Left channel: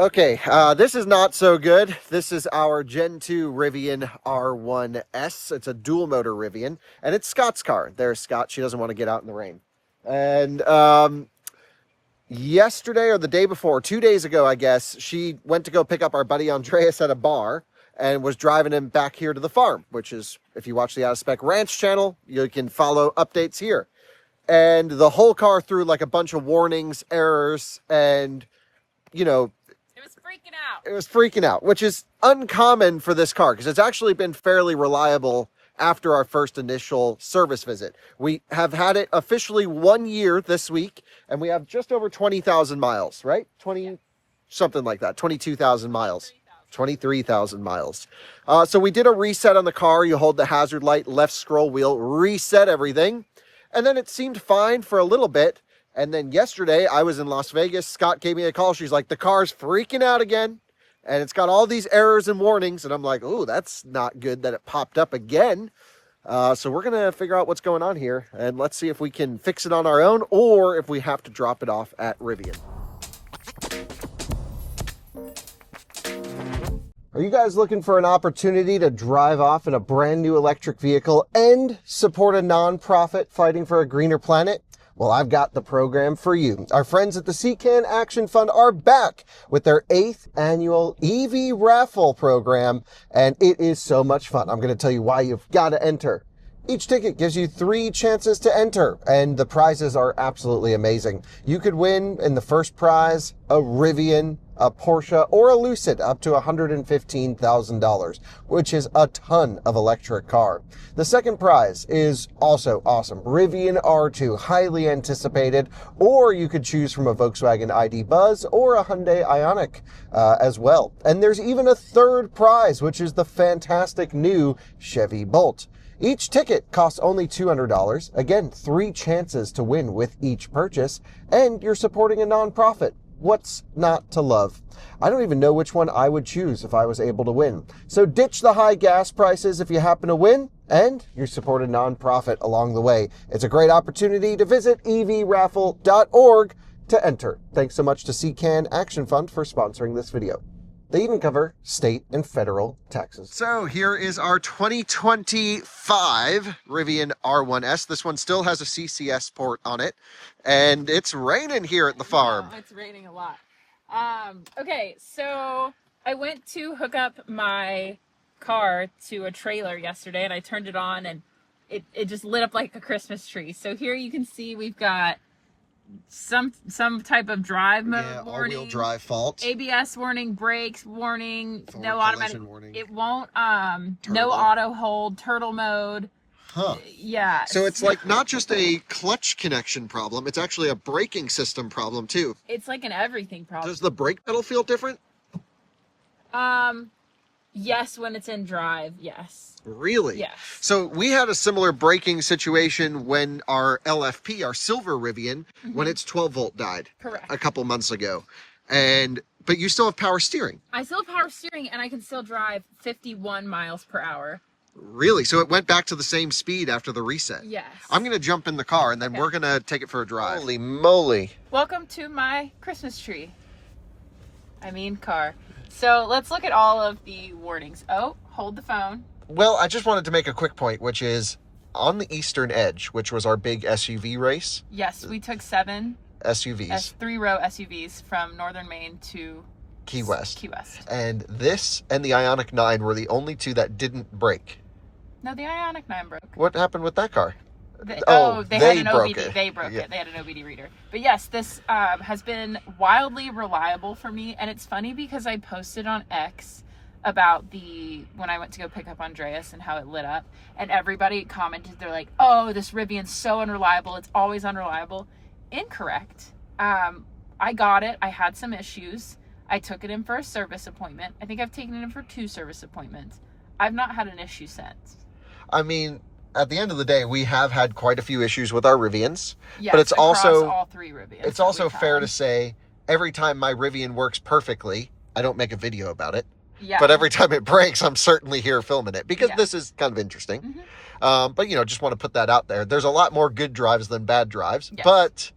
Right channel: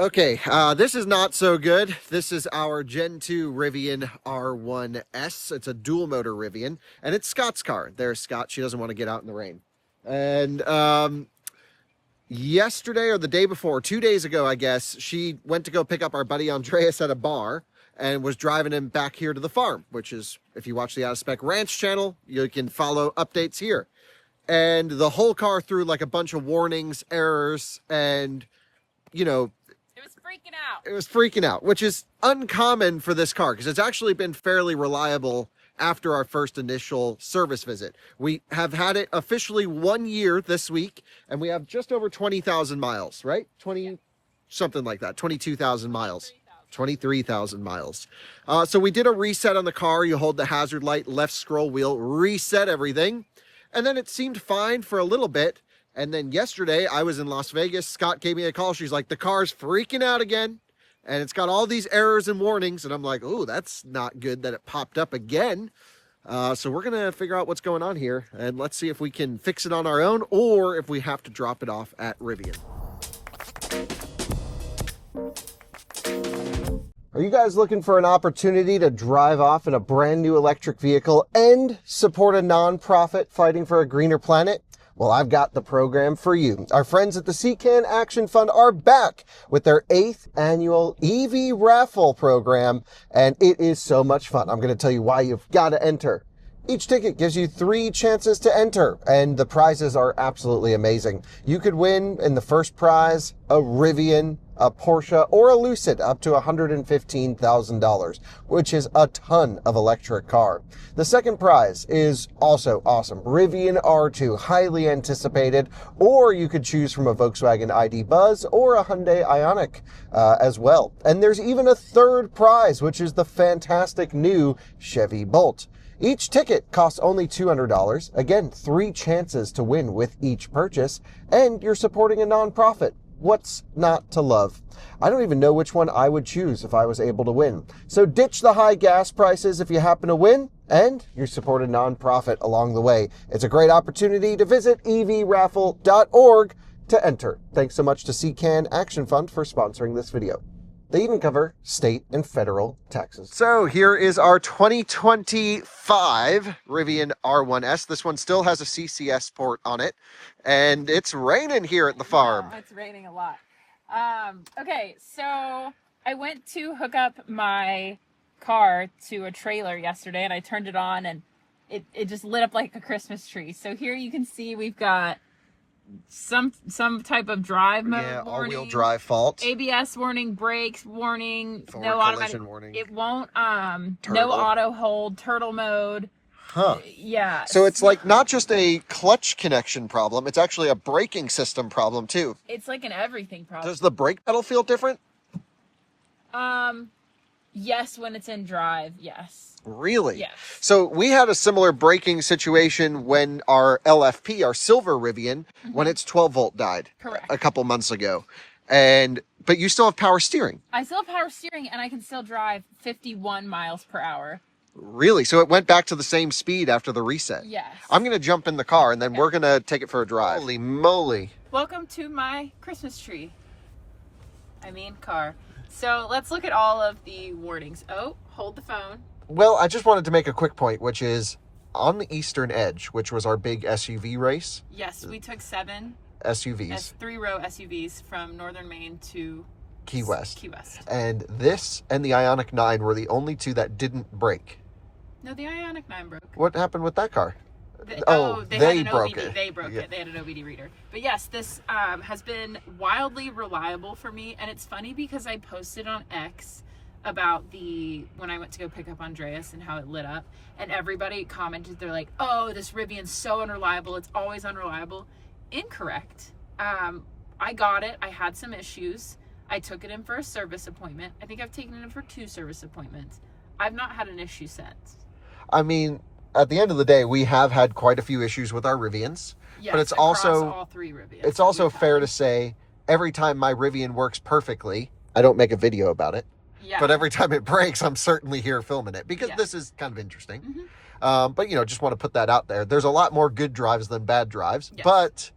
Okay, this is not so good. This is our Gen 2 Rivian R1S. It's a dual motor Rivian, and it's Scott's car. There's Scott. She doesn't want to get out in the rain. And yesterday or the day before, 2 days ago, I guess, she went to go pick up our buddy Andreas at a bar and was driving him back here to the farm, which is, if you watch the Out of Spec Ranch channel, you can follow updates here. And the whole car threw like a bunch of warnings, errors, and, you know, it was freaking out, which is uncommon for this car because it's actually been fairly reliable after our first initial service visit. We have had it officially 1 year this week, and we have just over 20,000 miles, right? 20, something like that, 22,000 miles. 23,000 miles. So we did a reset on the car. You hold the hazard light, left scroll wheel, reset everything. And then it seemed fine for a little bit. And then yesterday, I was in Las Vegas. Scott gave me a call. She's like, the car's freaking out again. And it's got all these errors and warnings. And I'm like, oh, that's not good that it popped up again. So we're going to figure out what's going on here. And let's see if we can fix it on our own or if we have to drop it off at Rivian. Are you guys looking for an opportunity to drive off in a brand new electric vehicle and support a nonprofit fighting for a greener planet? Well, I've got the program for you. Our friends at the CCAN Action Fund are back with their 8th annual EV raffle program, and it is so much fun. I'm going to tell you why you've got to enter. Each ticket gives you 3 chances to enter, and the prizes are absolutely amazing. You could win in the first prize a Rivian, a Porsche, or a Lucid up to $115,000, which is a ton of electric car. The second prize is also awesome. Rivian R2, highly anticipated, or you could choose from a Volkswagen ID Buzz or a Hyundai Ioniq as well. And there's even a third prize, which is the fantastic new Chevy Bolt. Each ticket costs only $200. Again, 3 chances to win with each purchase, and you're supporting a nonprofit. What's not to love? I don't even know which one I would choose if I was able to win. So ditch the high gas prices if you happen to win, and you support a nonprofit along the way. It's a great opportunity to visit evraffle.org to enter. Thanks so much to CCAN Action Fund for sponsoring this video. They even cover state and federal taxes. So here is our 2025 Rivian R1S. This one still has a CCS port on it. And it's raining here at the farm. Yeah, it's raining a lot. Okay, so I went to hook up my car to a trailer yesterday, and I turned it on, and it just lit up like a Christmas tree. So here you can see we've got some type of drive mode warning, all-wheel drive fault, ABS warning, brakes warning, forward no collision automatic warning. It won't no auto hold, turtle mode. Huh. Yeah. So it's like not just a clutch connection problem, it's actually a braking system problem too. It's like an everything problem. Does the brake pedal feel different? Yes, when it's in drive, yes. Really? Yes. So we had a similar braking situation when our LFP, our silver Rivian, when its 12-volt died. Correct. A couple months ago. But you still have power steering. I still have power steering, and I can still drive 51 miles per hour. Really? So it went back to the same speed after the reset? Yes. I'm going to jump in the car, and then we're going to take it for a drive. Holy moly. Welcome to my Christmas tree. I mean car. So let's look at all of the warnings. Oh, hold the phone. Well, I just wanted to make a quick point, which is on the Eastern Edge, which was our big SUV race. Yes, we took 7 SUVs. 3-row SUVs from Northern Maine to Key West. Key West. And this and the Ioniq 9 were the only 2 that didn't break. No, the Ioniq 9 broke. What happened with that car? They broke it. They broke it. They had an OBD reader. But yes, this has been wildly reliable for me. And it's funny because I posted on X about when I went to go pick up Andreas and how it lit up. And everybody commented, they're like, oh, this Rivian's so unreliable. It's always unreliable. Incorrect. I got it. I had some issues. I took it in for a service appointment. I think I've taken it in for 2 service appointments. I've not had an issue since. I mean, at the end of the day, we have had quite a few issues with our Rivians. Yes, but it's also all 3 Rivians. It's also fair to say every time my Rivian works perfectly, I don't make a video about it. Yeah. But every time it breaks, I'm certainly here filming it because this is kind of interesting. Mm-hmm. But, just want to put that out there. There's a lot more good drives than bad drives. Yes. But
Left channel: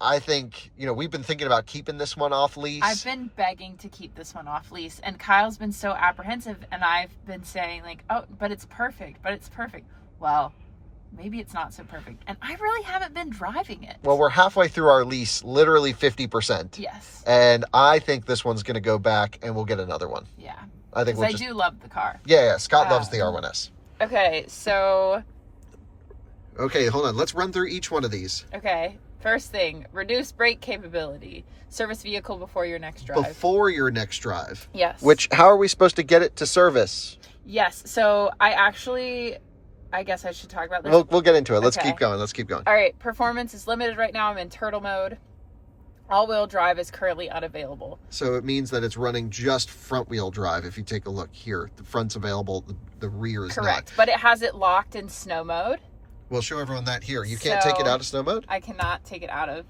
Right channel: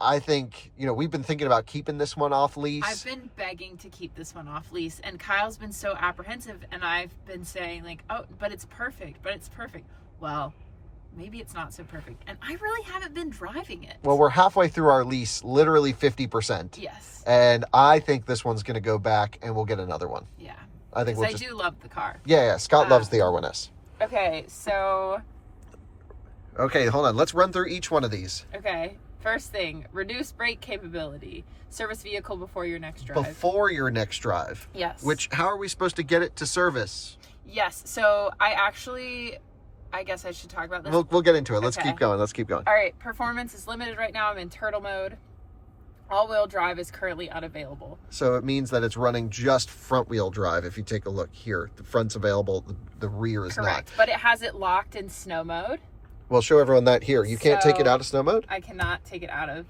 I think, we've been thinking about keeping this one off lease. I've been begging to keep this one off lease, and Kyle's been so apprehensive, and I've been saying like, oh, but it's perfect. Well, maybe it's not so perfect, and I really haven't been driving it. Well, we're halfway through our lease, literally 50%. Yes. And I think this one's going to go back, and we'll get another one. Yeah. I think I do love the car. Yeah, Scott loves the R1S. Okay, so... Okay, hold on. Let's run through each one of these. Okay. First thing, reduce brake capability. Service vehicle before your next drive. Before your next drive. Yes. How are we supposed to get it to service? Yes. So I guess I should talk about this. We'll get into it. Let's keep going. All right. Performance is limited right now. I'm in turtle mode. All-wheel drive is currently unavailable. So it means that it's running just front-wheel drive. If you take a look here, the front's available, the rear is Correct. not. But it has it locked in snow mode. We'll show everyone that here. You can't take it out of snow mode? I cannot take it out of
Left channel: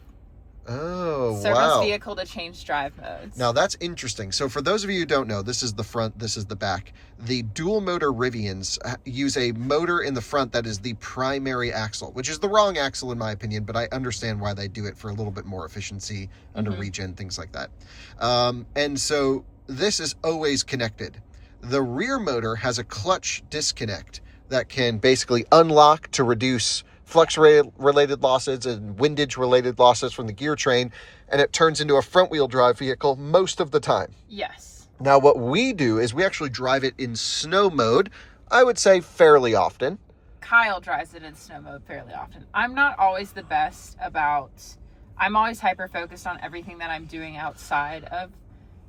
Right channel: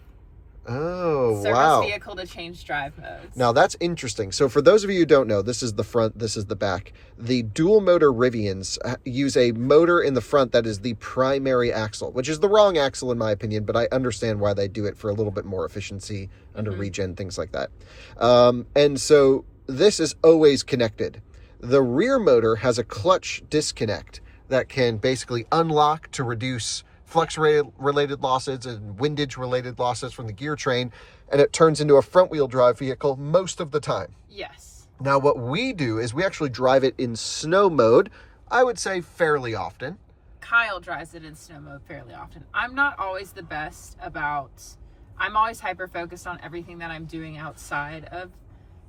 wow. service vehicle to change drive modes. Now that's interesting. So for those of you who don't know, this is the front, this is the back. The dual motor Rivians use a motor in the front that is the primary axle, which is the wrong axle in my opinion, but I understand why they do it for a little bit more efficiency under regen, things like that. And so this is always connected. The rear motor has a clutch disconnect that can basically unlock to reduce flux-related losses and windage-related losses from the gear train, and it turns into a front-wheel drive vehicle most of the time. Yes. Now, what we do is we actually drive it in snow mode, I would say fairly often. Kyle drives it in snow mode fairly often. I'm not always the best about... I'm always hyper-focused on everything that I'm doing outside of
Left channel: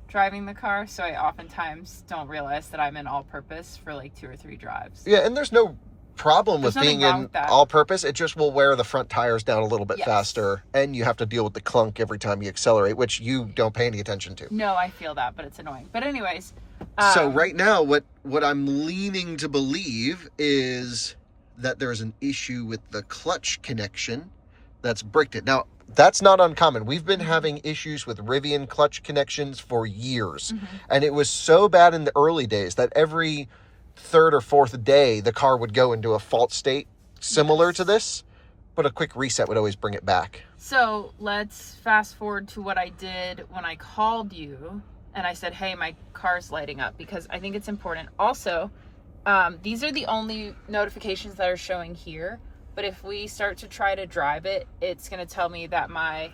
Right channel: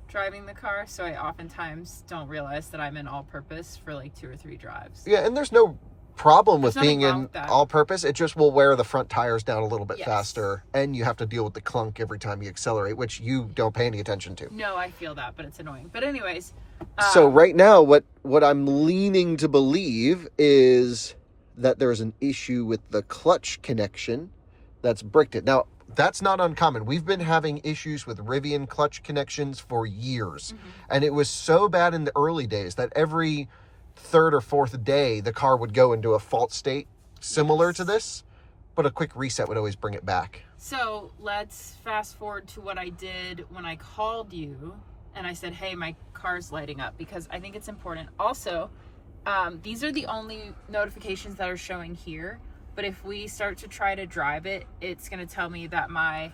driving the car, so I oftentimes don't realize that I'm in all-purpose for like 2 or 3 drives. Yeah, and there's no problem with being wrong in with that. all-purpose. It just will wear the front tires down a little bit faster, and you have to deal with the clunk every time you accelerate, which you don't pay any attention to. No, I feel that, but it's annoying. But anyways... So right now, what I'm leaning to believe is that there's an issue with the clutch connection that's bricked it. Now, that's not uncommon. We've been having issues with Rivian clutch connections for years. And it was so bad in the early days that every 3rd or 4th day, the car would go into a fault state similar to this, but a quick reset would always bring it back. So let's fast forward to what I did when I called you and I said, hey, my car's lighting up, because I think it's important. Also, these are the only notifications that are showing here. But if we start to try to drive it, it's going to tell me that my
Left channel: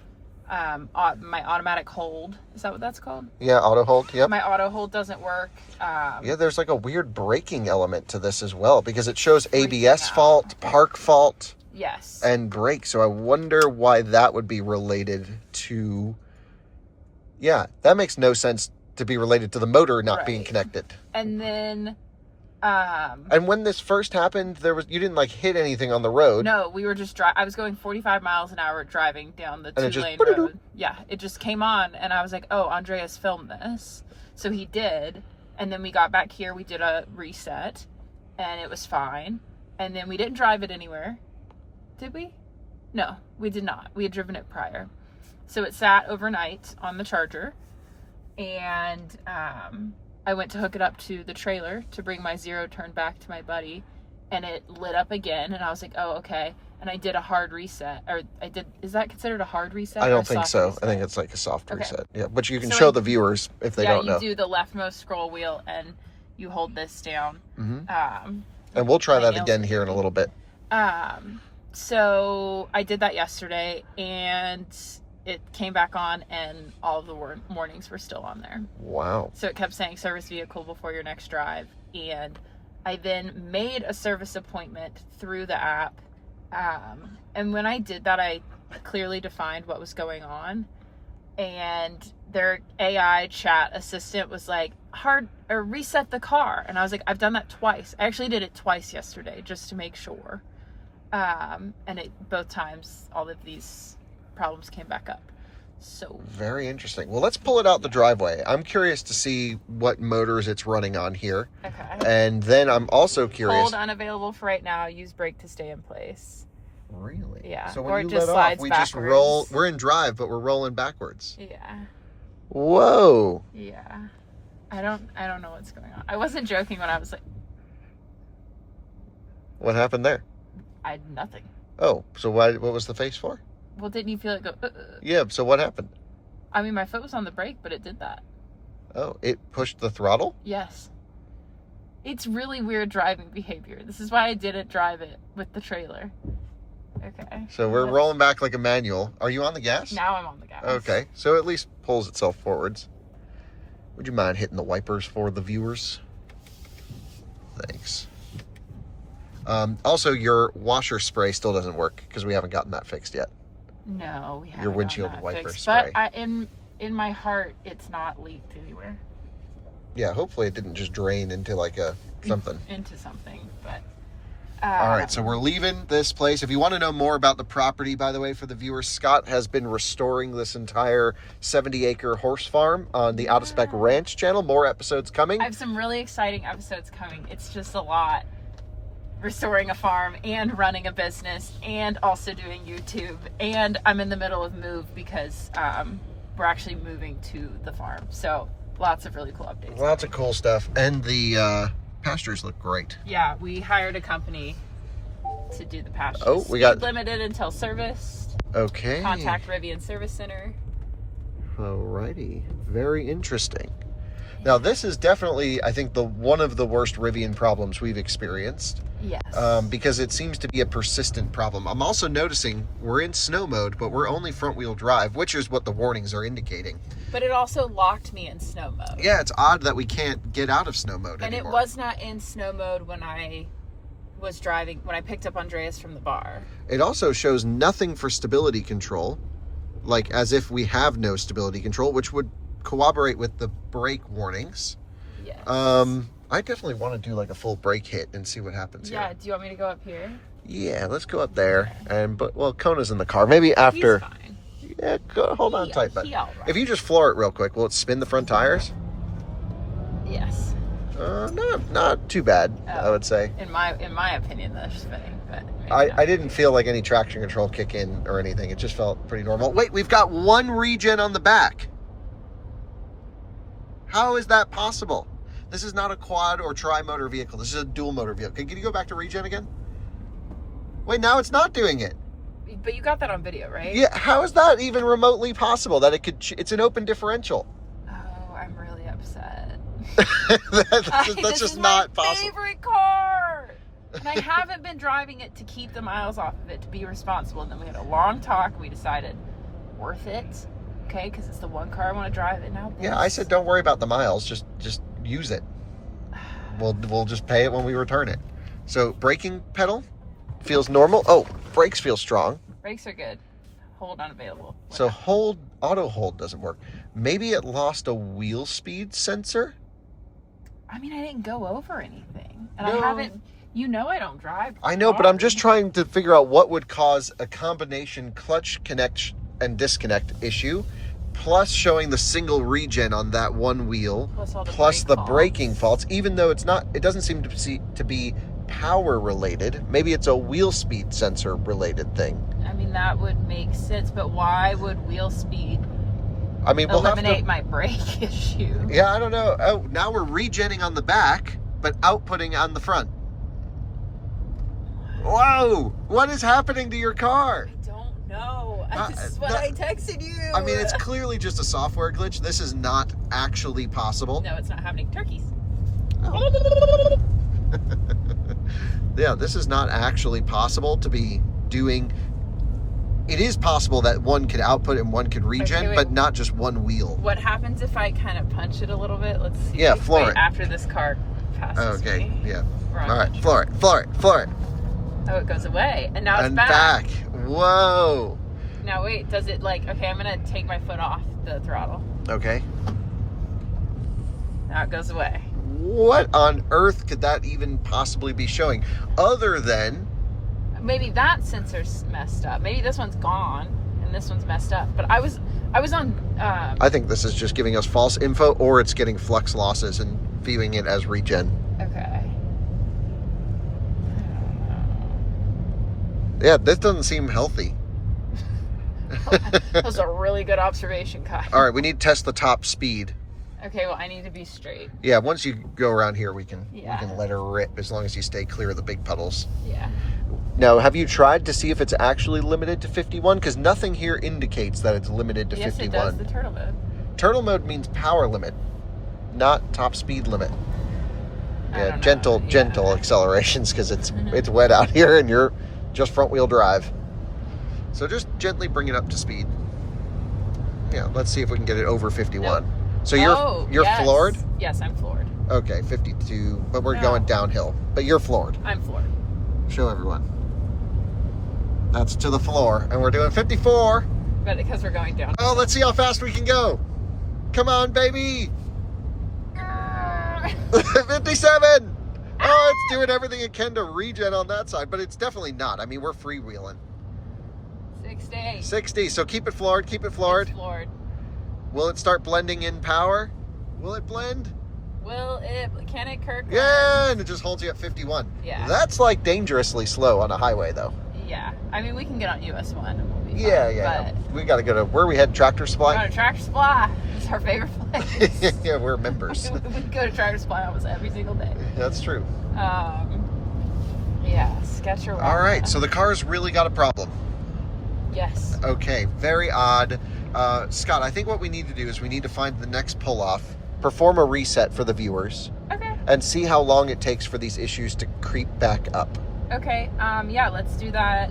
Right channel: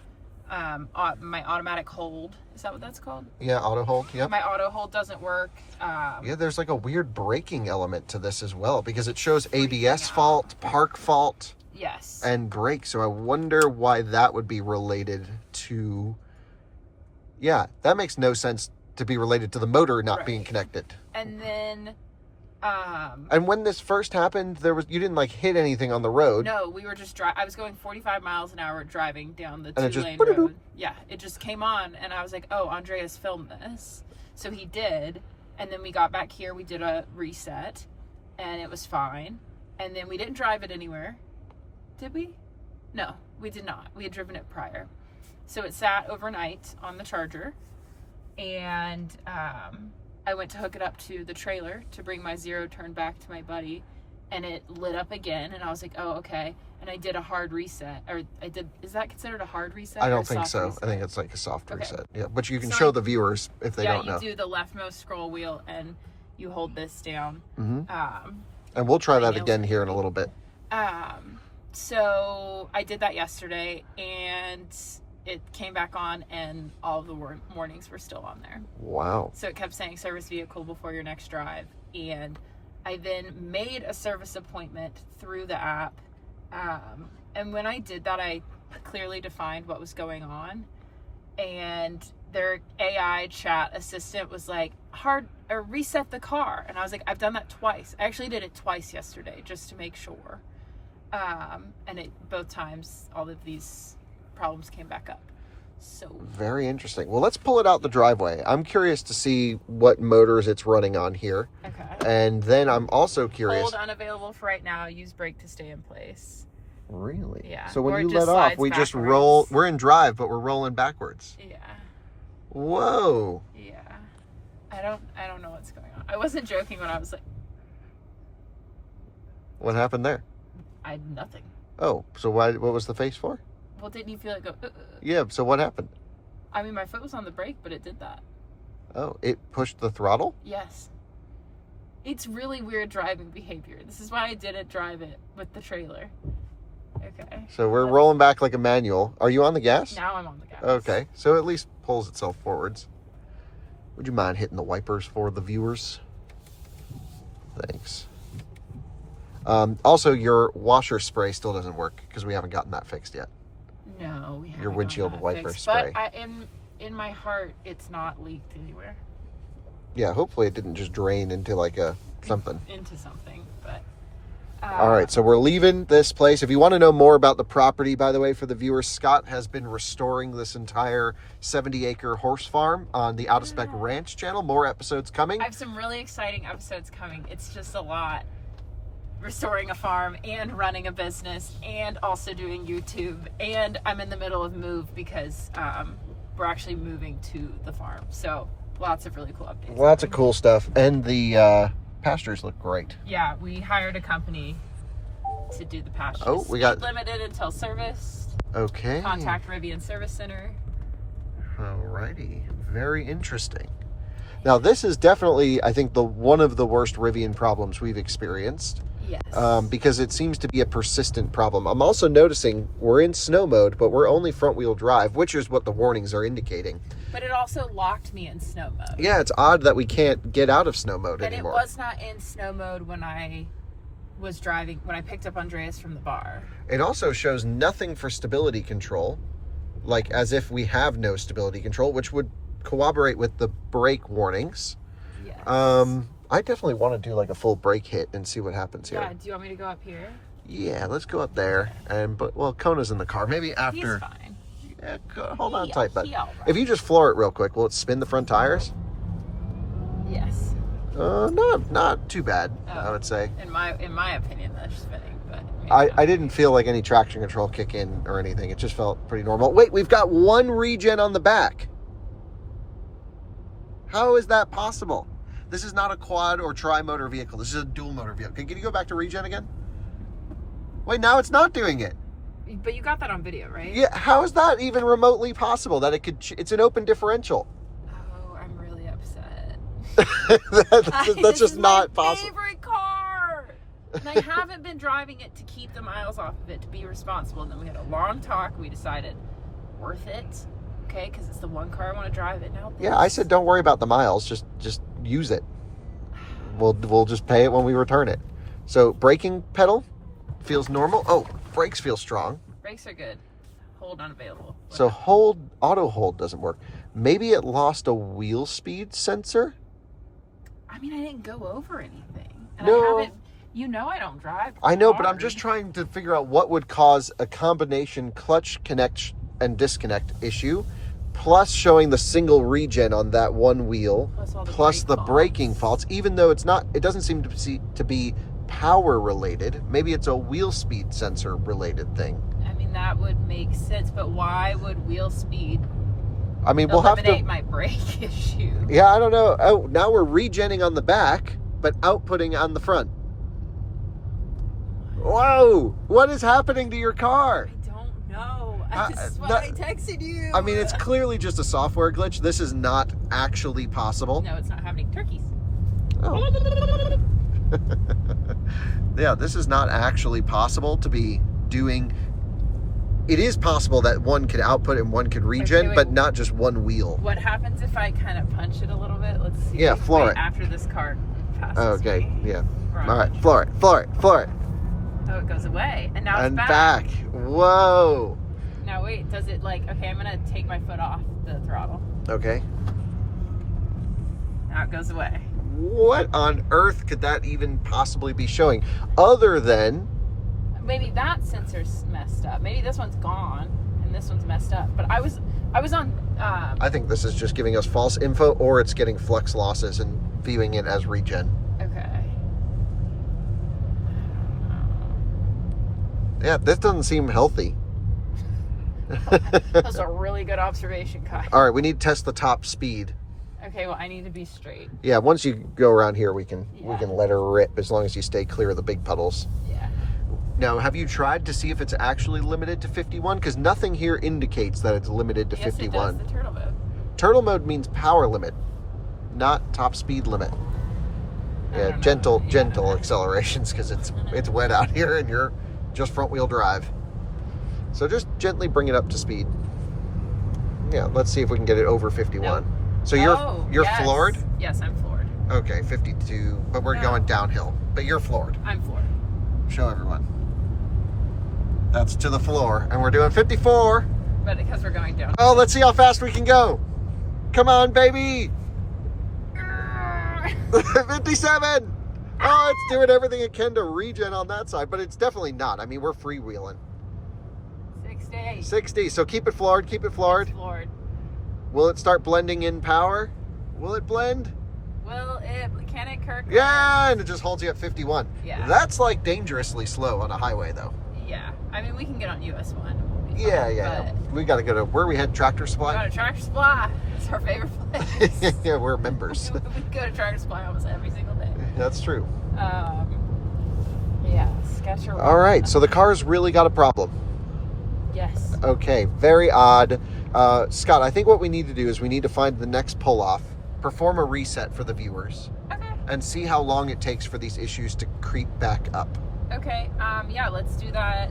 automatic hold, is that what that's called? Yeah, auto hold, yep. My auto hold doesn't work. Yeah, there's like a weird braking element to this as well, because it shows ABS fault, park fault, yes, and brake. So I wonder why that would be related to... Yeah, that makes no sense to be related to the motor not being connected. And then... and when this first happened, you didn't like hit anything on the road. No, we were just I was going 45 miles an hour driving down the 2-lane road. Yeah, it just came on, and I was like, oh, Andreas filmed this. So he did, and then we got back here, we did a reset, and it was fine. And then we didn't drive it anywhere. Did we? No, we did not. We had driven it prior. So it sat overnight on the charger, and I went to hook it up to the trailer to bring my 0 turn back to my buddy, and it lit up again, and I was like, oh, okay. And I did a hard reset, is that considered a hard reset? I don't think so. Reset? I think it's like a soft reset. Yeah, but you can So show the viewers if they don't know. Yeah, you do the leftmost scroll wheel, and you hold this down. And we'll try that again here in a little bit. So I did that yesterday, and it came back on, and all of the warnings were still on there. Wow. So it kept saying service vehicle before your next drive. And I then made a service appointment through the app. And when I did that, I clearly defined what was going on. And their AI chat assistant was like, reset the car. And I was like, I've done that twice. I actually did it twice yesterday just to make sure. And both times, all of these problems came back up. So very interesting. Well, let's pull it out the driveway. I'm curious to see what motors it's running on here. Okay. And then I'm also curious. Hold unavailable for right now. Use brake to stay in place. Really? Yeah. So when Or you it just let off, slides we just backwards. roll. We're in drive, but we're rolling backwards. Yeah. Whoa. Yeah. I don't know what's going on. I wasn't joking when I was like, What happened there? I had nothing. Oh, so what was the face for? Well, didn't you feel it go? Yeah, so what happened? I mean, my foot was on the brake, but it did that. Oh, it pushed the throttle? Yes. It's really weird driving behavior. This is why I didn't drive it with the trailer. Okay. So we're rolling back like a manual. Are you on the gas? Now I'm on the gas. Okay, so at least pulls itself forwards. Would you mind hitting the wipers for the viewers? Thanks. Also, your washer spray still doesn't work because we haven't gotten that fixed yet. No, we haven't. Your windshield gotten that wiper fixed. spray. But in my heart, it's not leaked anywhere. Yeah, hopefully it didn't just drain into like a something. Into something, but... All right, so we're leaving this place. If you want to know more about the property, by the way, for the viewers, Scott has been restoring this entire 70-acre horse farm on the Out of Spec Ranch channel. More episodes coming. I have some really exciting episodes coming. It's just a lot. Restoring a farm and running a business and also doing YouTube. And I'm in the middle of move because we're actually moving to the farm. So lots of really cool updates. Lots of cool stuff. And the pastures look great. Yeah, we hired a company to do the pastures. Oh, we got... limited until serviced. Okay. Contact Rivian Service Center. Alrighty. Very interesting. Now, this is definitely, I think, one of the worst Rivian problems we've experienced. Yes. Because it seems to be a persistent problem. I'm also noticing we're in snow mode, but we're only front-wheel drive, which is what the warnings are indicating. But it also locked me in snow mode. Yeah, it's odd that we can't get out of snow mode anymore. And it was not in snow mode when I was driving, when I picked up Andreas from the bar. It also shows nothing for stability control, like as if we have no stability control, which would corroborate with the brake warnings. Yes. I definitely want to do like a full brake hit and see what happens here. Yeah, do you want me to go up here? Yeah, let's go up there. Well, Kona's in the car. Maybe after. He's fine. Yeah, hold on tight, bud. He all right. If you just floor it real quick, will it spin the front tires? Yes. Not too bad, I would say. In my opinion, they're spinning. But I didn't feel like any traction control kick in or anything. It just felt pretty normal. Wait, we've got one regen on the back. How is that possible? This is not a quad or tri-motor vehicle. This is a dual motor vehicle. Can you go back to regen again? Wait, now it's not doing it. But you got that on video, right? Yeah, how is that even remotely possible? That it's an open differential. Oh, I'm really upset. That's just not possible. This is my favorite car! And I haven't been driving it to keep the miles off of it, to be responsible. And then we had a long talk. We decided, worth it. Okay, because it's the one car I want to drive it now. Yeah, I said don't worry about the miles. Just use it. We'll just pay it when we return it. So braking pedal feels normal. Oh, brakes feel strong. Brakes are good. Hold unavailable. So auto hold doesn't work. Maybe it lost a wheel speed sensor. I mean, I didn't go over anything, and No. I haven't. You know, I don't drive. I know, but I'm hard. just trying to figure out what would cause a combination clutch connect and disconnect issue, plus showing the single regen on that one wheel, plus the braking faults, even though it doesn't seem to be power related. Maybe it's a wheel speed sensor related thing. I mean, that would make sense, but why would wheel speed I mean, we'll have to eliminate my brake issue? Yeah, I don't know. Oh, now we're regenning on the back, but outputting on the front. Whoa! What is happening to your car? I don't know. This is what I texted you. I mean, it's clearly just a software glitch. This is not actually possible. No, it's not happening. Turkeys. Oh. Yeah, this is not actually possible to be doing. It is possible that one could output and one could regen, Okay, but not just one wheel. What happens if I kind of punch it a little bit? Let's see. Yeah, floor it. After this car passes Okay, me. yeah. Right. All right, floor it. Oh, it goes away. And now And it's back. Whoa. Now wait, does it okay, I'm going to take my foot off the throttle. Okay. Now it goes away. What on earth could that even possibly be showing? Other than... Maybe that sensor's messed up. Maybe this one's gone and this one's messed up. But I was on... I think this is just giving us false info, or it's getting flux losses and viewing it as regen. Okay. Yeah, this doesn't seem healthy. That was a really good observation, Kai. All right, we need to test the top speed. Okay, well, I need to be straight. Yeah, once you go around here, we can Yeah. let her rip as long as you stay clear of the big puddles. Yeah. Now, have you tried to see if it's actually limited to 51? Because nothing here indicates that it's limited to 51. It does, the turtle mode. Turtle mode means power limit, not top speed limit. Yeah, gentle accelerations because it's wet out here and you're just front wheel drive. So just gently bring it up to speed. Yeah, let's see if we can get it over 51. Nope. So you're floored? Yes, I'm floored. Okay, 52, but we're going downhill. But you're floored. I'm floored. Show everyone. That's to the floor, and we're doing 54. But because we're going down. Oh, let's see how fast we can go. Come on, baby. 57. Oh, it's doing everything it can to regen on that side, but it's definitely not. I mean, we're freewheeling. 60. So keep it floored. Keep it floored. It's floored. Will it start blending in power? Will it blend? Can it, Kirk? Yeah, and it just holds you at 51. Yeah. That's like dangerously slow on a highway, though. Yeah. I mean, we can get on US 1. Yeah. We got to go to, where we head, Tractor Supply? We're going to Tractor Supply. It's our favorite place. Yeah, we're members. We go to Tractor Supply almost every single day. That's true. Yeah, sketch around. All right, so the car's really got a problem. Yes. Okay, very odd. Scott, I think what we need to do is we need to find the next pull-off, perform a reset for the viewers, okay, and see how long it takes for these issues to creep back up. Okay, yeah, let's do that.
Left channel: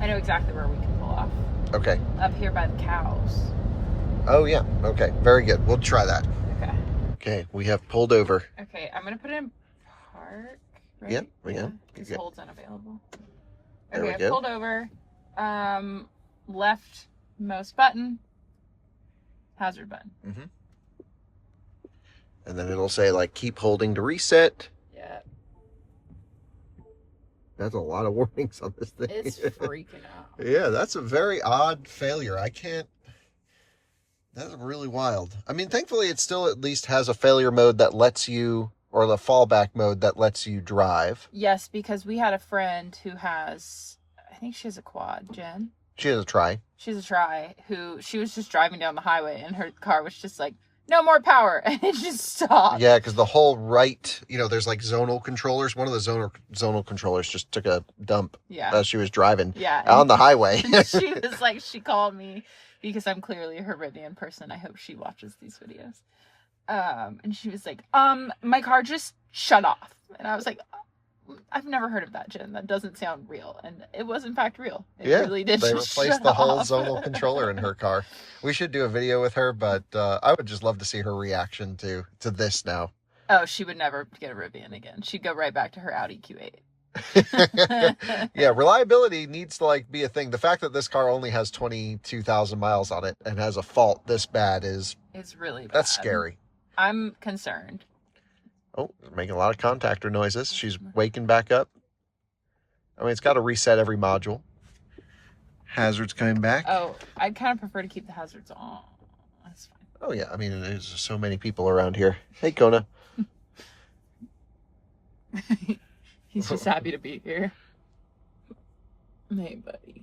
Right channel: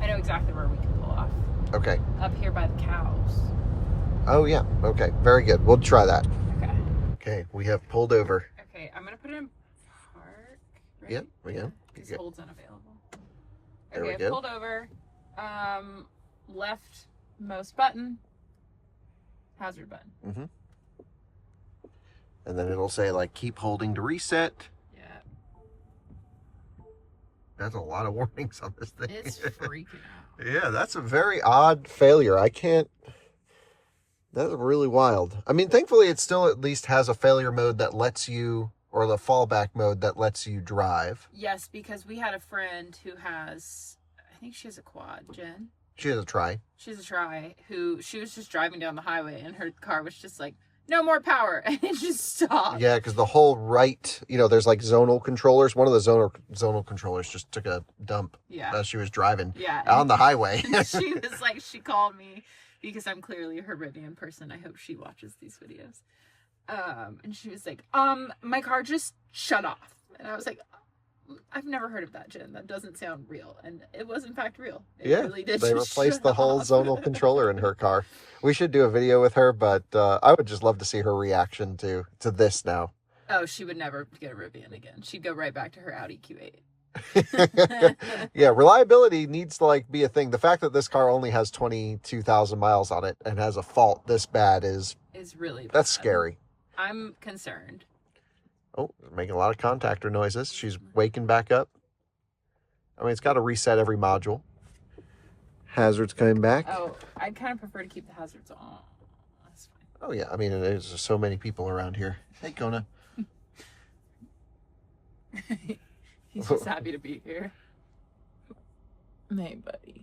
I know exactly where we can pull off. Okay. Up here by the cows. Oh, yeah. Okay, very good. We'll try that. Okay. Okay, we have pulled over. Okay, I'm going to put it in park. Right? Yep, yeah. This holds unavailable. There we I've go. pulled over. Leftmost button. Hazard button. Mm-hmm. And then it'll say, like, keep holding to reset. Yeah. That's a lot of warnings on this thing. It's freaking out. Yeah, that's a very odd failure. That's really wild. I mean, thankfully, it still at least has a failure mode that lets you, or the fallback mode that lets you drive. Yes, because we had a friend who has, I think she has a quad, Jen. She has a Tri. She's a Tri, who she was just driving down the highway and her car was just like, no more power, and it just stopped. Yeah, because the whole right, there's like zonal controllers. One of the zonal controllers just took a dump as she was driving on the highway. She was like, she called me because I'm clearly a Rivian person. I hope she watches these videos. And she was like, my car just shut off. And I was like, I've never heard of that, Jen. That doesn't sound real. And it was, in fact, real. It really did. They replaced the whole zonal controller in her car. We should do a video with her, but I would just love to see her reaction to this now. Oh, she would never get a Rivian again. She'd go right back to her Audi Q8. Yeah, reliability needs to be a thing. The fact that this car only has 22,000 miles on it and has a fault this bad is really bad. That's scary. I'm concerned. Oh, making a lot of contactor noises. She's waking back up. I mean, it's got to reset every module. Hazards coming back. Oh, I kind of prefer to keep the hazards on. That's fine. Oh, yeah. I mean, there's so many people around here. Hey, Kona. He's just happy to be here. Hey, buddy.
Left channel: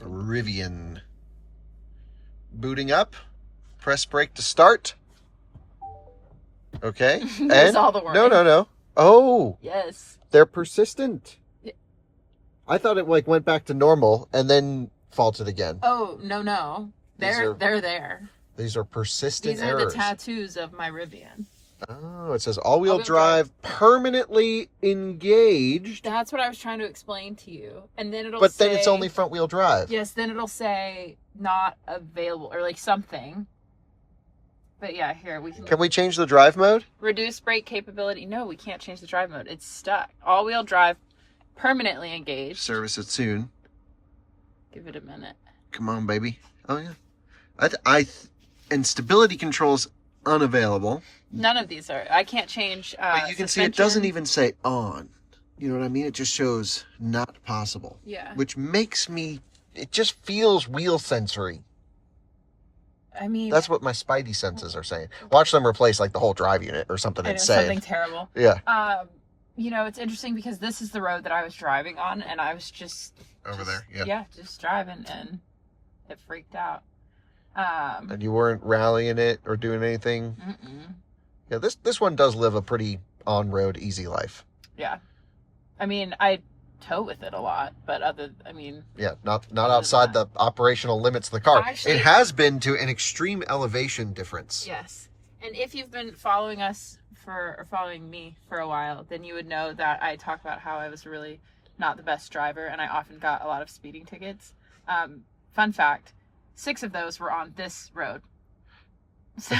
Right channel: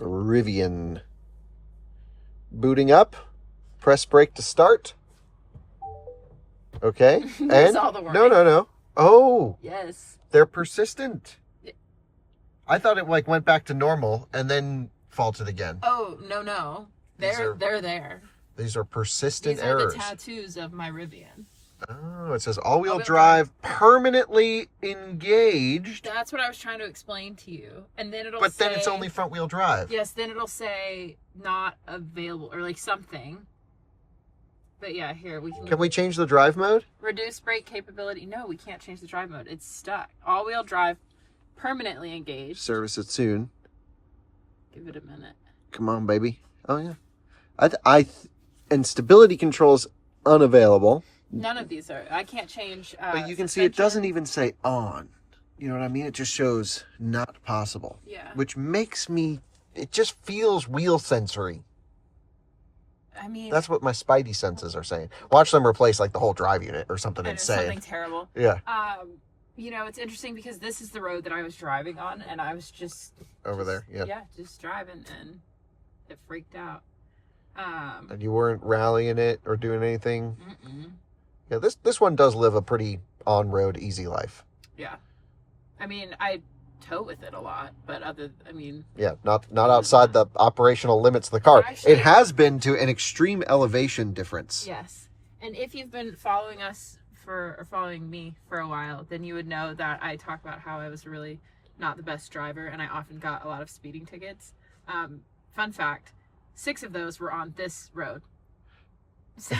Rivian. Booting up. Press brake to start. Okay. And all the work. No. Oh. Yes. They're persistent. Yeah. I thought it went back to normal and then faulted again. Oh, no. They're there. These are persistent These errors. These are the tattoos of my Rivian. Oh, it says all-wheel drive permanently engaged. That's what I was trying to explain to you. And then But then it's only front-wheel drive. Yes, then it'll say not available or something. But yeah, here we can. Can we change the drive mode? Reduce brake capability. No, we can't change the drive mode. It's stuck. All-wheel drive permanently engaged. Service it soon. Give it a minute. Come on, baby. Oh yeah. And stability controls unavailable. None of these are. I can't change. But you can see it doesn't even say on. You know what I mean? It just shows not possible. Yeah. Which makes me. It just feels wheel sensory. I mean, that's what my spidey senses are saying. Watch them replace the whole drive unit or something insane. Something terrible. Yeah. It's interesting because this is the road that I was driving on, and I was just over there. Yeah. Yeah, just driving, and it freaked out. And you weren't rallying it or doing anything. Mm-mm. Yeah. This one does live a pretty on-road easy life. Yeah. I mean, I tow with it a lot, but Yeah, not outside the operational limits of the car. Actually, it has been to an extreme elevation difference. Yes. And if you've been following me for a while, then you would know that I talk about how I was really not the best driver and I often got a lot of speeding tickets. Fun fact, 6 of those were on this road. So,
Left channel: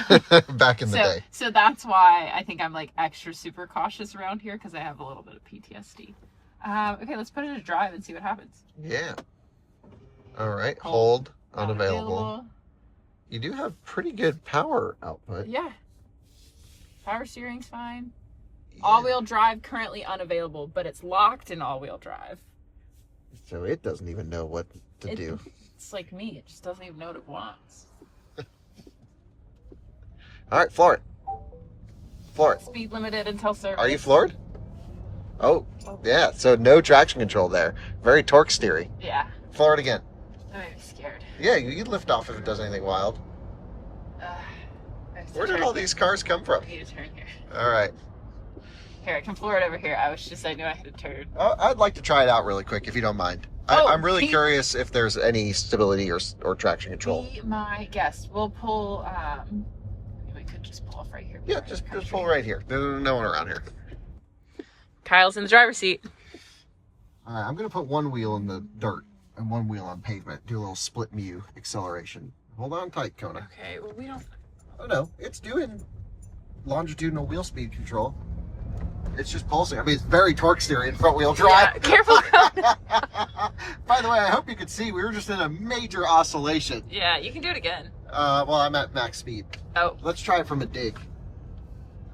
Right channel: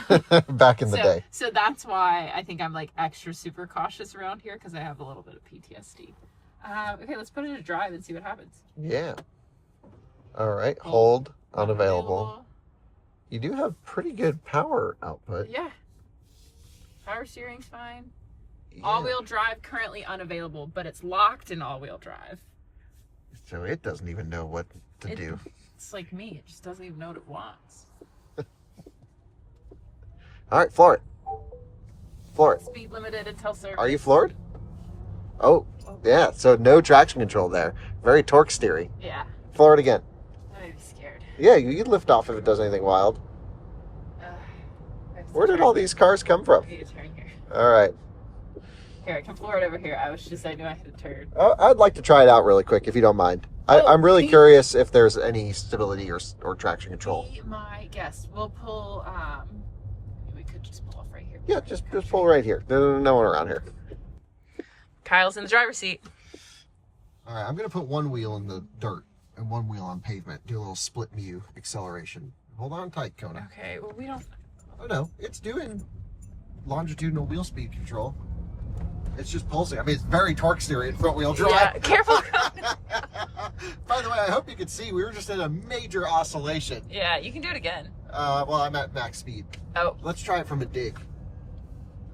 Back in the day. So that's why I think I'm like extra super cautious around here, because I have a little bit of PTSD. Okay, let's put it in drive and see what happens. Yeah. All right, hold unavailable. You do have pretty good power output. Yeah. Power steering's fine. Yeah. All-wheel drive currently unavailable, but it's locked in all-wheel drive. So it doesn't even know what to do. It's like me. It just doesn't even know what it wants. All right, floor it. Floor it. Speed limited until service. Are you floored? Oh, yeah. So no traction control there. Very torque steery. Yeah. Floor it again. I might be scared. Yeah, you lift off if it does anything wild. Where did all these cars come from? I need to turn here. All right. Here, I can floor it over here. I knew I had to turn. I'd like to try it out really quick, if you don't mind. Oh, I'm really curious if there's any stability or traction control. Be my guest. We'll pull, we could just pull off right here. Yeah, just pull right here. There's no one around here. Kyle's in the driver's seat. All right, I'm going to put one wheel in the dirt and one wheel on pavement. Do a little split mu acceleration. Hold on tight, Kona. Okay, well, we don't... Oh, no, it's doing longitudinal wheel speed control. It's just pulsing. I mean, it's very torque steering in front wheel drive. Yeah, careful. By the way, I hope you could see we were just in a major oscillation. Yeah, you can do it again. Well, I'm at max speed. Oh. Let's try it from a dig.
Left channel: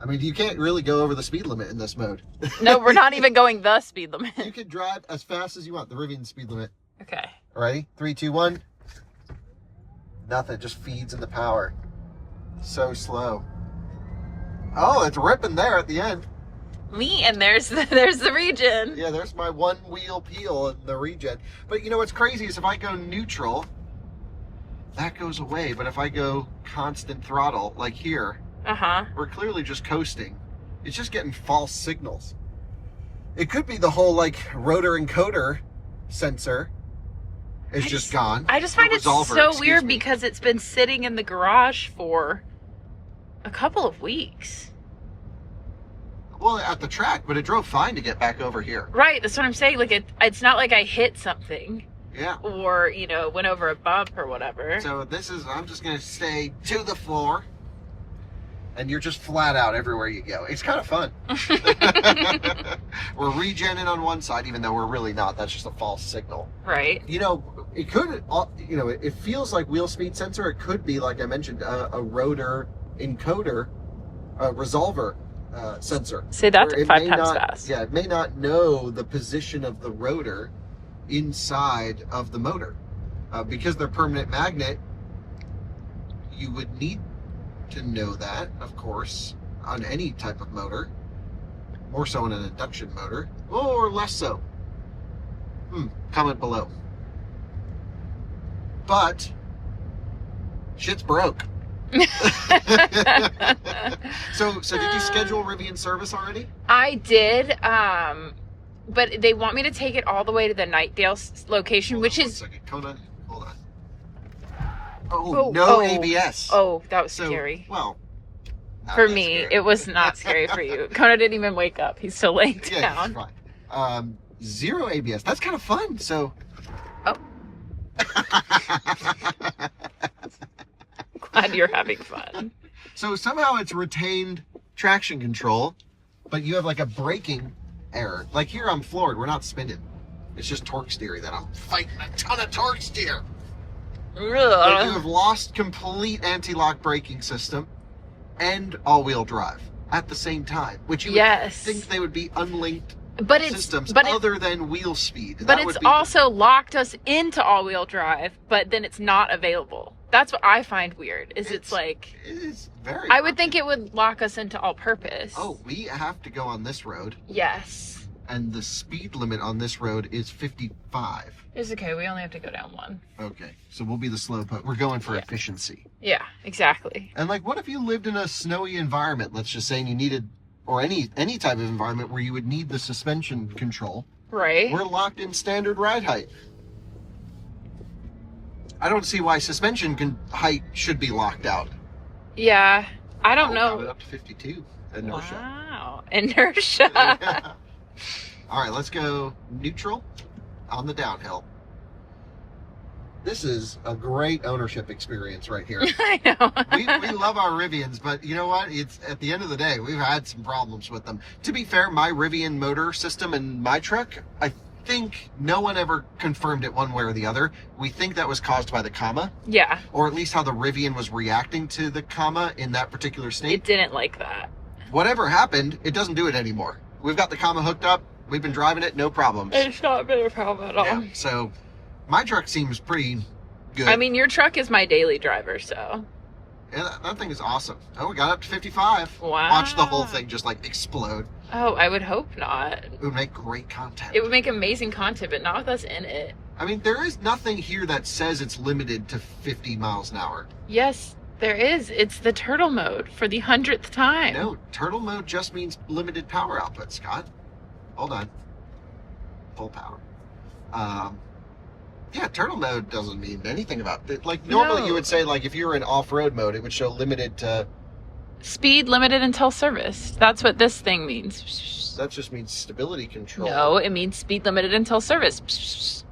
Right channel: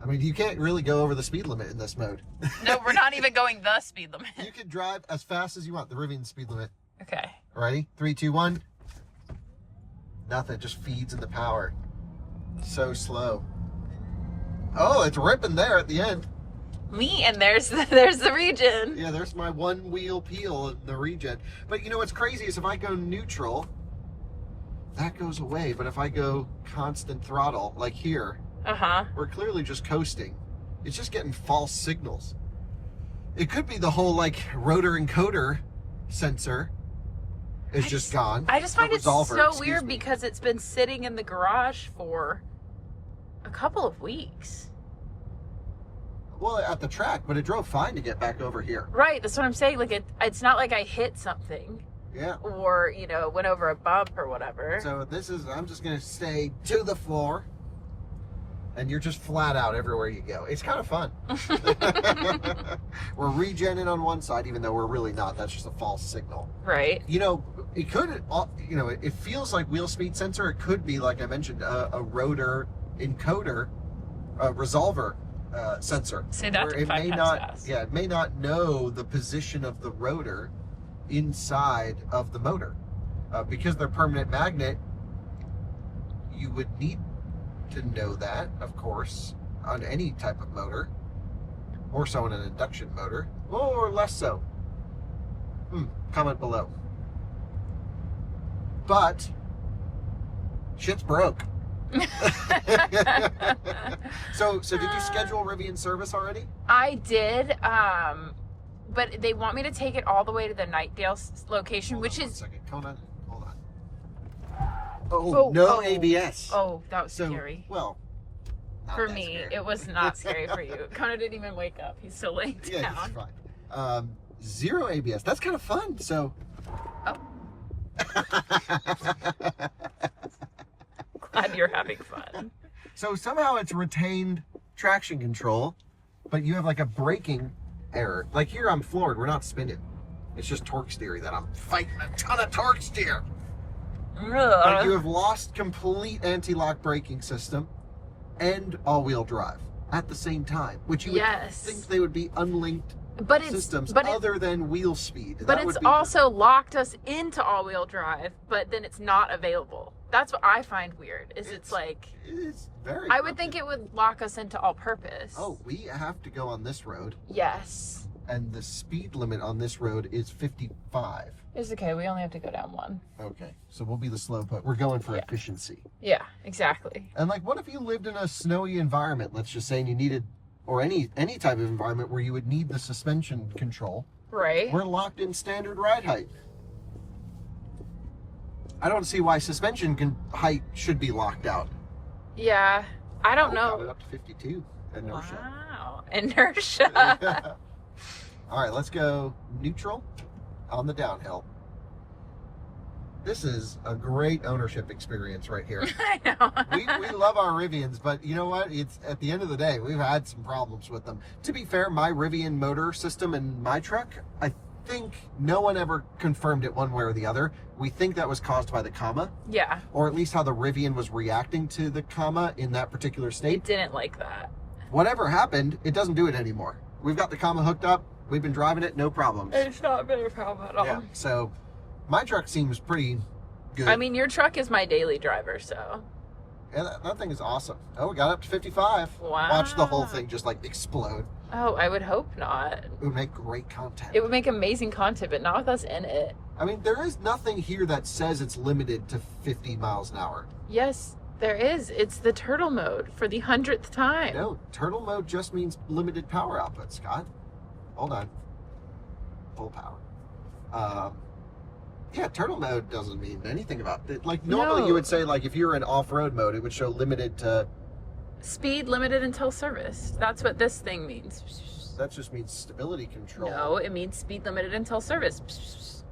I mean, you can't really go over the speed limit in this mode. No, we're not even going the speed limit. You can drive as fast as you want, the Rivian speed limit. Okay. Ready? 3, 2, 1. Nothing, just feeds in the power. So slow. Oh, it's ripping there at the end. And there's the regen. Yeah, there's my one wheel peel and the regen. But you know what's crazy is if I go neutral, that goes away. But if I go constant throttle, like here, we're clearly just coasting. It's just getting false signals. It could be the whole like rotor encoder sensor is just gone. I just find it so weird because it's been sitting in the garage for a couple of weeks. Well, at the track, but it drove fine to get back over here. Right, that's what I'm saying. Like it's not like I hit something. Yeah. Or, went over a bump or whatever. So I'm just going to stay to the floor. And you're just flat out everywhere you go. It's kind of fun. We're regenning on one side, even though we're really not. That's just a false signal. Right. It could, it feels like wheel speed sensor. It could be, like I mentioned, a rotor encoder, resolver sensor. Say that to 5 times fast. Yeah, it may not know the position of the rotor inside of the motor. Because they're permanent magnet, you would need to know that, of course, on any type of motor. More so in an induction motor. Or less so. Comment below. But shit's broke. So did you schedule Rivian service already? I did, but they want me to take it all the way to the Nightdale location, which is... 1 second. Kona, hold on. Oh, no ABS. Oh, that was scary. Well, for me, scary. It was not scary for you. Kona didn't even wake up. He's still laying down. Yeah, he's fine. 0 ABS. That's kind of fun. So. Oh. Glad you're having fun. So somehow it's retained traction control, but you have like a braking error. Like here I'm floored. We're not spinning. It's just torque steering that I'm fighting a ton of torque steer. But you have lost complete anti-lock braking system and all-wheel drive at the same time, which you would think they would be unlinked systems other than wheel speed. But it's also locked us into all-wheel drive, but then it's not available. That's what I find weird. It's like... It is very... I would think it would lock us into all-purpose. Oh, we have to go on this road. Yes. And the speed limit on this road is 55. It's okay. We only have to go down 1. Okay. So we'll be the slow put. We're going for efficiency. Yeah, exactly. And like, what if you lived in a snowy environment, let's just say, and you needed or any type of environment where you would need the suspension control, Right. we're locked in standard ride height. I don't see why suspension height should be locked out. Yeah. I don't Got it know. up to 52 inertia. Wow. Inertia. All right, let's go neutral on the downhill. This is a great ownership experience right here. I know. we love our Rivians, but you know what? It's at the end of the day, we've had some problems with them. To be fair, my Rivian motor system in my truck, I think no one ever confirmed it one way or the other. We think that was caused by the comma, Yeah. or at least how the Rivian was reacting to the comma in that particular It state. didn't like that. Whatever happened, it doesn't do it anymore. We've got the comma hooked up. We've been driving it, no problems. It's not been a problem at all. Yeah, so my truck seems pretty good. I mean, your truck is my daily driver, so. Yeah, that thing is awesome. Oh, we got up to 55. Wow. Watch the whole thing just like explode. Oh, I would hope not. It would make great content. It would make amazing content, but not with us in it. I mean, there is nothing here that says it's limited to 50 miles an hour. Yes, there is. It's the turtle mode for the 100th time. No, turtle mode just means limited power output, Scott. Hold on. Full power. Yeah, turtle mode doesn't mean anything about it. Like, normally you would say, like, if you were in off-road mode, it would show limited to... Speed limited until service. That's what this thing means. That just means stability control. No, it means speed limited until service.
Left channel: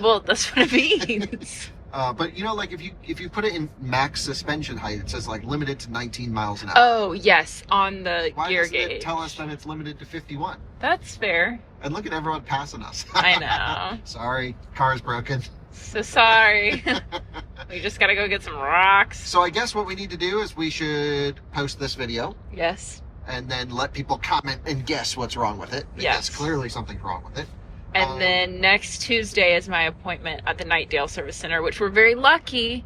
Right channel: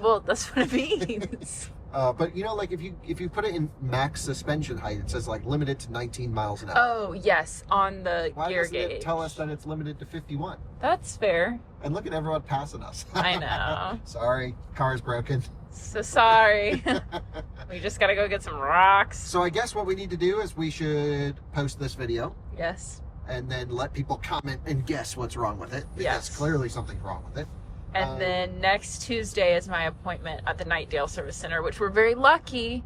Well, that's what it means. But you know, like if you put it in max suspension height, it says like limited to 19 miles an hour. Oh, yes, on the Why gear doesn't gauge. it tell us that it's limited to 51? That's fair. And look at everyone passing us. I know. Sorry, car's broken. So sorry. We just gotta go get some rocks. So I guess what we need to do is we should post this video Yes. and then let people comment and guess what's wrong with it. Because Yes. clearly something's wrong with it. And then next Tuesday is my appointment at the Nightdale Service Center, which we're very lucky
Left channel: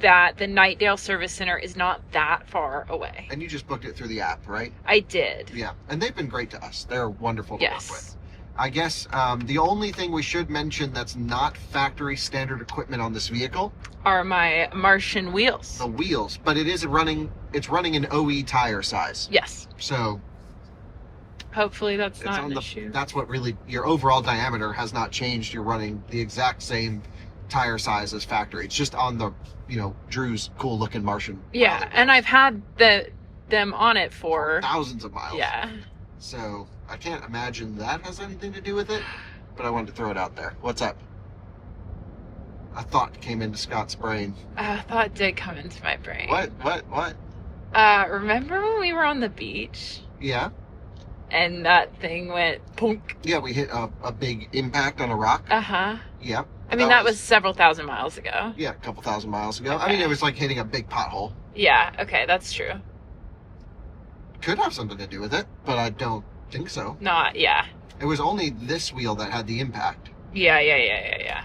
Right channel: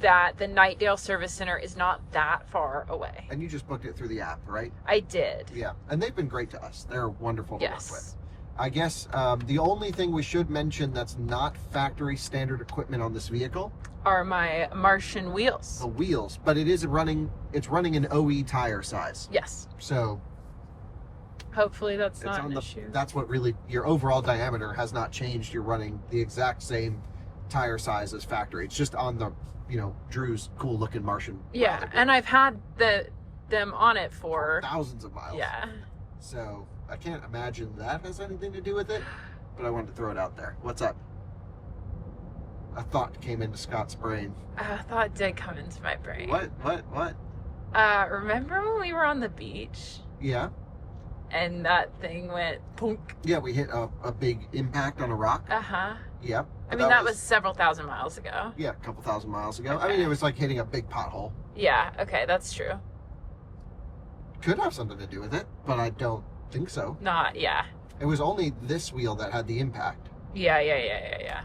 that the Nightdale Service Center is not that far away. And you just booked it through the app, right? I did. Yeah. And they've been great to us. They're wonderful to work with. Yes. I guess the only thing we should mention that's not factory standard equipment on this vehicle, Are my Martian wheels. the wheels, but it's running an OE tire size. Yes. So Hopefully that's it's not on an issue. that's what really, your overall diameter has not changed. You're running the exact same tire size as factory. It's just on the, Drew's cool looking Martian. Yeah, and I've had them on it for thousands of miles. yeah. So I can't imagine that has anything to do with it, but I wanted to throw it out there. What's up? A thought came into Scott's brain. A thought did come into my brain. What? Remember when we were on the beach Yeah. and that thing went punk? Yeah, we hit a big impact on a rock. Uh-huh. Yeah. I mean, that was several thousand miles ago. Yeah, a couple thousand miles ago. I Okay. mean, it was like hitting a big pothole. Yeah, okay, that's true. Could have something to do with it, but I don't think so. Not, yeah. It was only this wheel that had the impact. Yeah.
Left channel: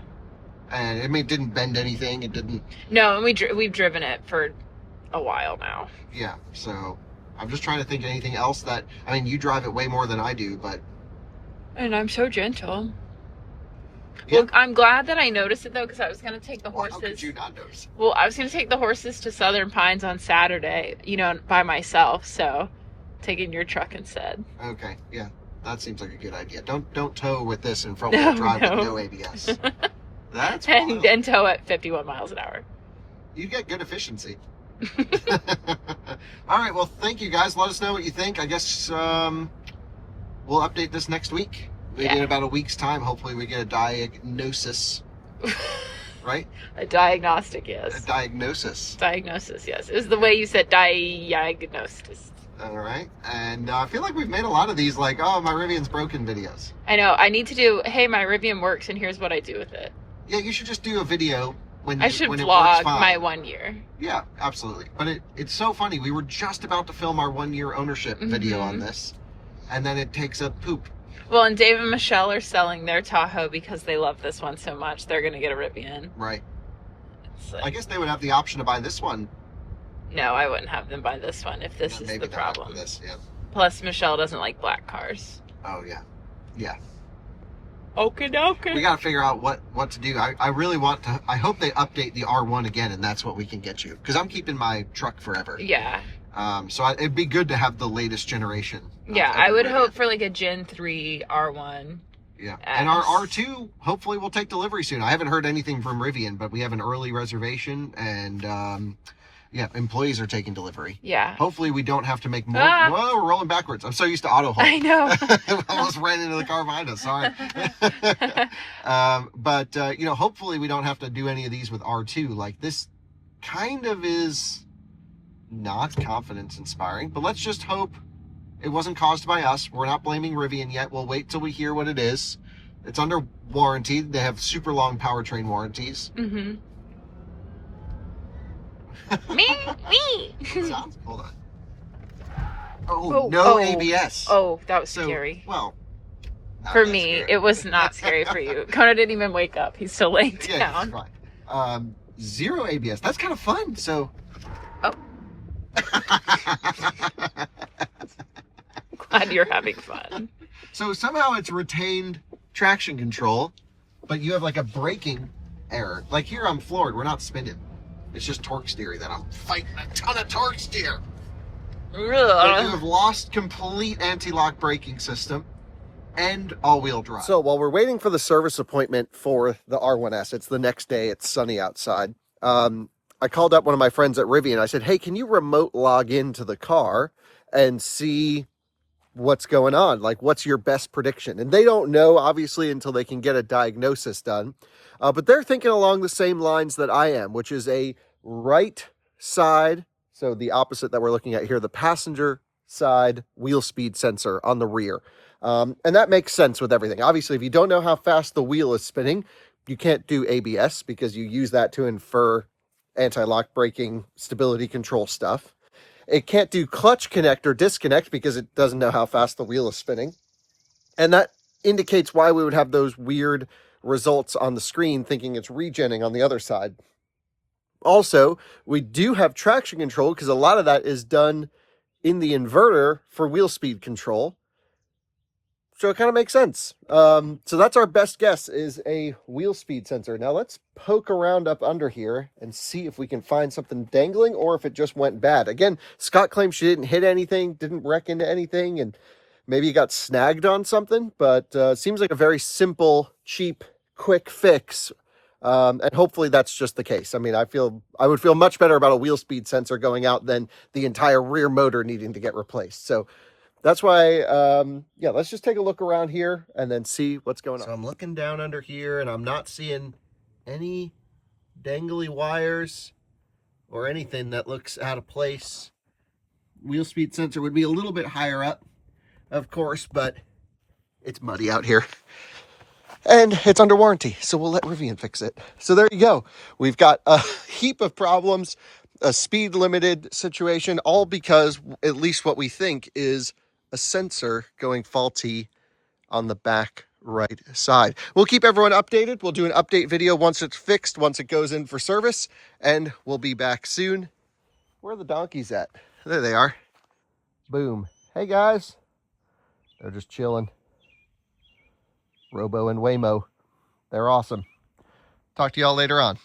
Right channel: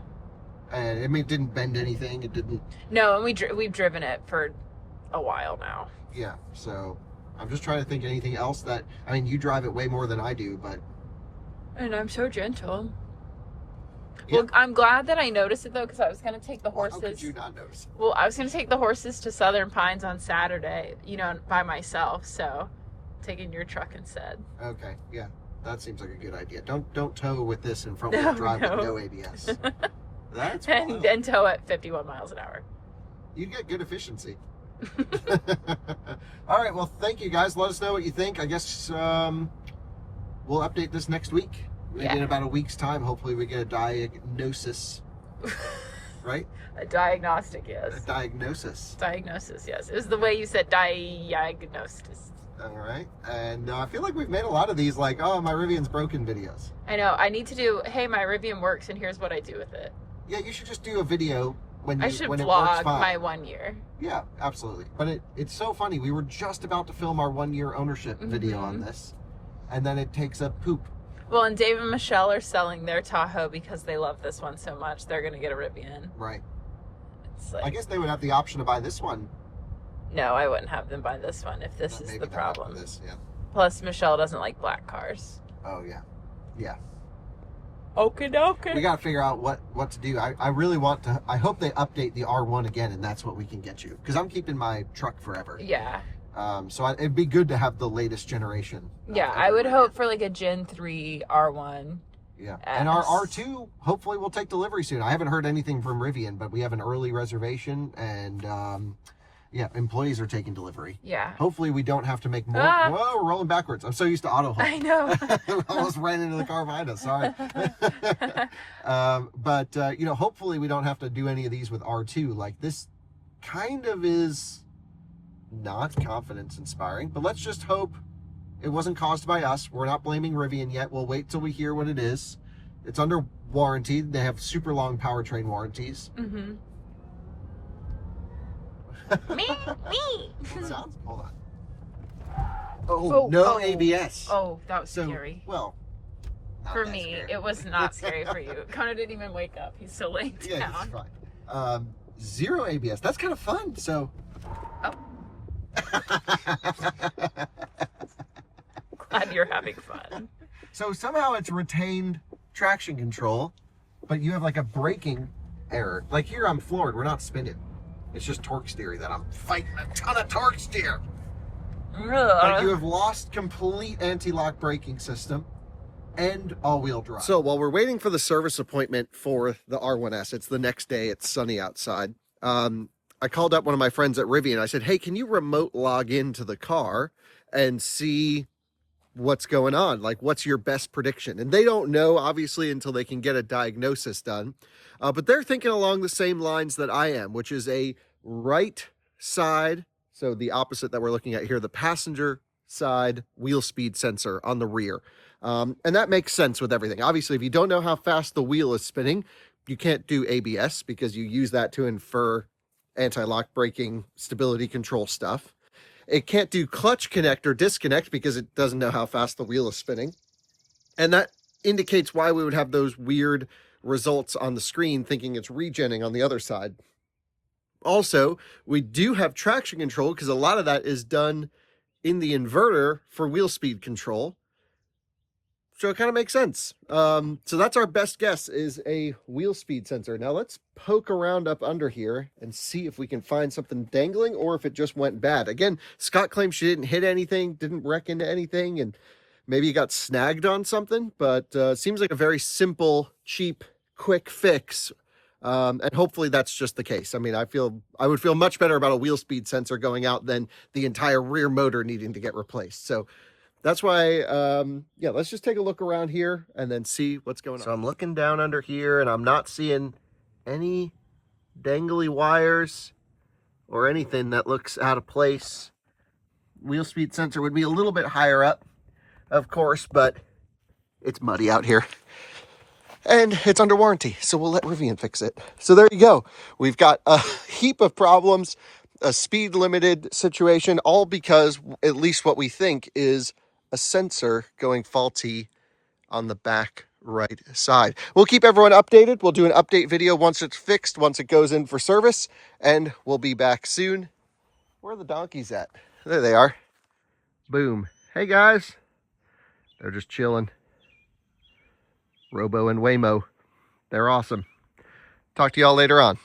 And it didn't bend anything. It didn't. No, and we've driven it for a while now. Yeah, so I'm just trying to think of anything else that, I mean, you drive it way more than I do, but. And I'm so gentle. Yeah. Well, I'm glad that I noticed it, though, because I was going to take the Well, horses. how could you not notice? Well, I was going to take the horses to Southern Pines on Saturday, by myself, so taking your truck instead. Okay, yeah, that seems like a good idea. Don't tow with this in front-wheel drive with no ABS. That's wild. and tow at 51 miles an hour. You get good efficiency. All right, well, thank you guys. Let us know what you think. I guess we'll update this next week. Maybe in about a week's time. Hopefully we get a diagnosis. Right? A diagnostic, yes. A diagnosis. Diagnosis, yes. It was the way you said diagnosis. All right. And I feel like we've made a lot of these, like, oh, my Rivian's broken videos. I know. I need to do, hey, my Rivian works, and here's what I do with it. Yeah, you should just do a video when I should when it works vlog fine. my 1 year. Yeah, absolutely. But it's so funny. We were just about to film our 1 year ownership video on this, and then it takes a poop. Well, and Dave and Michelle are selling their Tahoe because they love this one so much. They're going to get a Rivian. Right. It's like, I guess they would have the option to buy this one. no, I wouldn't have them buy this one if this But is maybe the they'll opt for problem. This, yeah. Plus, Michelle doesn't like black cars. Oh yeah, yeah. Okay, We got to figure out what to do. I really want to. I hope they update the R1 again, and that's what we can get you. Because I'm keeping my truck forever. Yeah. So it'd be good to have the latest generation. Yeah, I would hope for like a Gen 3 R1. Yeah, and our R2 hopefully will take delivery soon. I haven't heard anything from Rivian, but we have an early reservation, and yeah, employees are taking delivery. Yeah. Hopefully we don't have to make more. Whoa, we're rolling backwards. I'm so used to auto hold. I know. Almost ran into the car behind us. Sorry. But you know, hopefully we don't have to do any of these with R2. Like, this kind of is not confidence inspiring, but let's just hope it wasn't caused by us. We're not blaming Rivian yet. We'll wait till we hear what it is. It's under warranty. They have super long powertrain warranties. Mm-hmm. Me. Sounds. Hold on. Oh, no ABS. Oh, that was scary. Well, for me, it was not scary for you. Kona didn't even wake up. He's still laying down. Yeah, he's fine. Zero ABS. That's kind of fun. So. Oh. Glad you're having fun. So somehow it's retained traction control, but you have like a braking error. Like here I'm floored. We're not spinning. It's just torque steer that I'm fighting a ton of torque steer. But you have lost complete anti-lock braking system and all-wheel drive. So while we're waiting for the service appointment for the R1S, it's the next day, it's sunny outside. I called up one of my friends at Rivian. I said, hey, can you remote log into the car and see what's going on? Like, what's your best prediction? And they don't know, obviously, until they can get a diagnosis done. But they're thinking along the same lines that I am, which is a right side, so the opposite that we're looking at here, the passenger side wheel speed sensor on the rear. And that makes sense with everything. Obviously, if you don't know how fast the wheel is spinning, you can't do ABS because you use that to infer anti-lock braking, stability control stuff. It can't do clutch connect or disconnect because it doesn't know how fast the wheel is spinning. And that indicates why we would have those weird results on the screen thinking it's regenning on the other side. Also, we do have traction control because a lot of that is done in the inverter for wheel speed control. So it kind of makes sense. So that's our best guess, is a wheel speed sensor. Now let's poke around up under here and see if we can find something dangling or if it just went bad. Again, Scott claims she didn't hit anything, didn't wreck into anything, and maybe got snagged on something, but seems like a very simple, cheap, quick fix. And hopefully that's just the case. I mean, I would feel much better about a wheel speed sensor going out than the entire rear motor needing to get replaced. So that's why, yeah, let's just take a look around here and then see what's going on. So I'm looking down under here and I'm not seeing any dangly wires or anything that looks out of place. Wheel speed sensor would be a little bit higher up, of course, but it's muddy out here. And it's under warranty, so we'll let Rivian fix it. So there you go. We've got a heap of problems, a speed limited situation, all because at least what we think is a sensor going faulty on the back right side. We'll keep everyone updated. We'll do an update video once it's fixed, once it goes in for service, and we'll be back soon. Where are the donkeys at? There they are. Boom. Hey guys. They're just chilling. Robo and Waymo. They're awesome. Talk to y'all later on.